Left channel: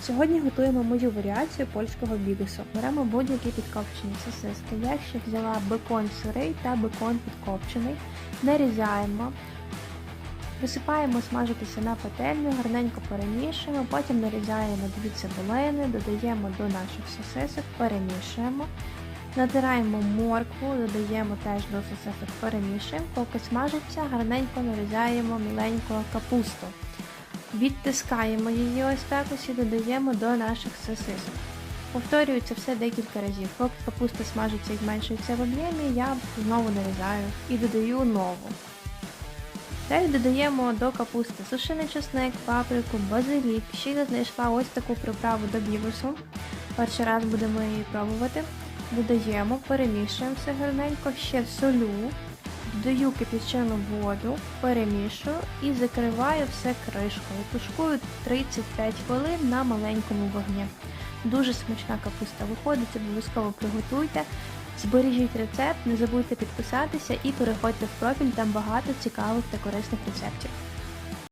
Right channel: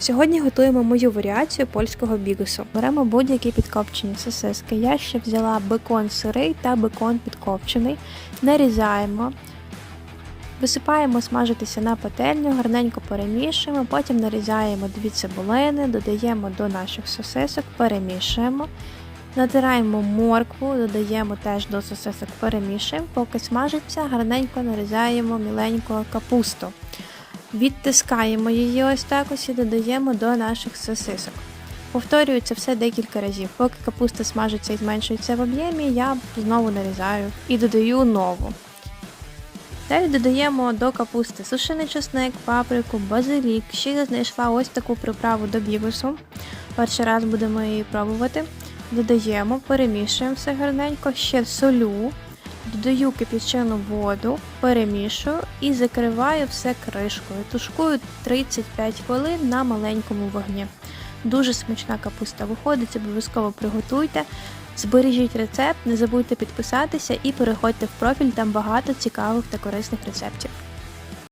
Сьогодні готуємо мою варіацію польського бігусу. Беремо будь-які підкопчені сосиски. Я ще взяла бекон сирий та бекон підкопчений. Нарізаємо, висипаємо смажитися на пательню, гарненько перемішуємо, потім нарізаємо дві цибулини, додаємо до наших сосисок, перемішуємо. Натираємо моркву, додаємо теж до сосисок, перемішуємо, поки смажиться, гарненько нарізаємо міленьку капусту. Відтискаємо її ось так ось і додаємо до наших сосисок. Повторюю це все декілька разів. Поки капуста смажиться і зменшується в об'ємі, я знову нарізаю і додаю нову. Далі додаємо до капусти сушений чесник, паприку, базилік. Ще я знайшла ось таку приправу до бігусу. Перший раз будемо її пробувати. Додаємо, перемішуємо все гарненько, ще солю, додаю кипячену воду, перемішую і закриваю все кришкою. Тушкую 35 хвилин на маленькому вогні. Дуже смачна капуста виходить, обов'язково приготуйте. Збережіть рецепт, не забудьте підписатися і переходьте в профіль, там багато цікавих та корисних рецептів.